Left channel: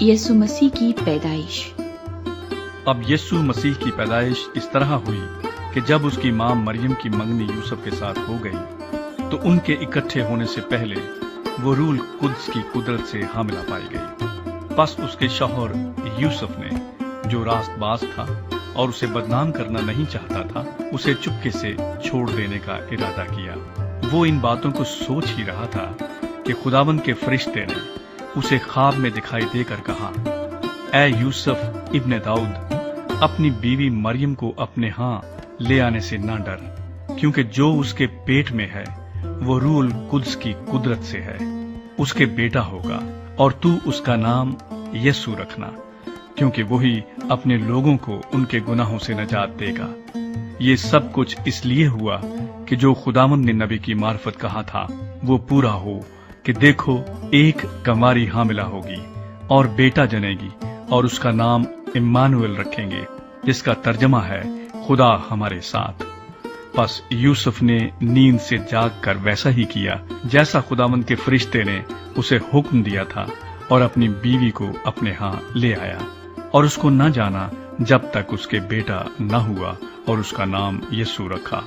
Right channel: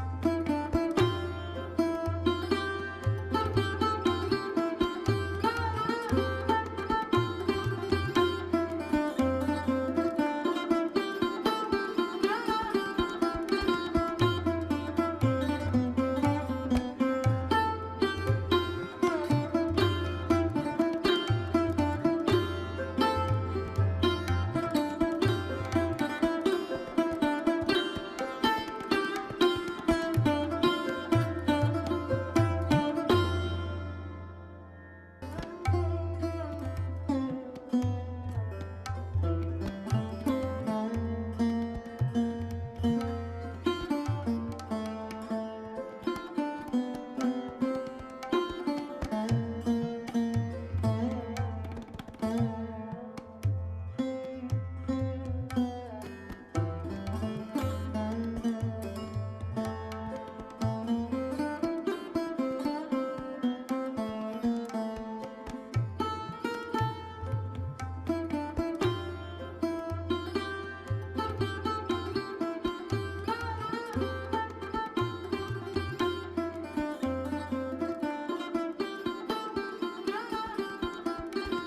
یسوع مسیح کی پیدائش۔ اب یسوع مسیح کی پیدائش اس طرح ہوئی کہ جب اس کی ماں مریم کی منگنی یوسف کے ساتھ ہو گئی تو ان کے اکٹھے ہونے سے پہلے وہ روح القدس کی قدرت سے حاملہ پائی گئی۔ پس اس کے شوہر یوسف نے، جو راست باز تھا اور اسے بدنام کرنا نہیں چاہتا تھا، اسے چپکے سے چھوڑ دینے کا ارادہ کیا۔ وہ ان باتوں کو سوچ ہی رہا تھا کہ خداوند کے فرشتے نے اسے خواب میں دکھائی دے کر کہا، اے یوسف ابن داؤد، اپنی بیوی مریم کو اپنے ہاں لے آنے سے نہ ڈر، کیونکہ جو اس کے پیٹ میں ہے وہ روح القدس کی قدرت سے ہے۔ اس کے بیٹا ہوگا اور تو اس کا نام یسوع رکھنا، کیونکہ وہی اپنے لوگوں کو ان کے گناہوں سے نجات دے گا۔ یہ سب کچھ اس لیے ہوا کہ جو خداوند نے نبی کی معرفت کہا تھا وہ پورا ہو، کہ دیکھو ایک کنواری حاملہ ہوگی اور بیٹا جنے گی اور اس کا نام امانویل رکھیں گے، جس کا ترجمہ ہے خدا ہمارے ساتھ۔ پس یوسف نے نیند سے جاگ کر ویسا ہی کیا جیسا خداوند کے فرشتے نے اسے حکم دیا تھا، اور اپنی بیوی کو اپنے ہاں لے آیا، اور اس کو نہ جانا جب تک اس کے بیٹا نہ ہوا، اور اس کا نام یسوع رکھا۔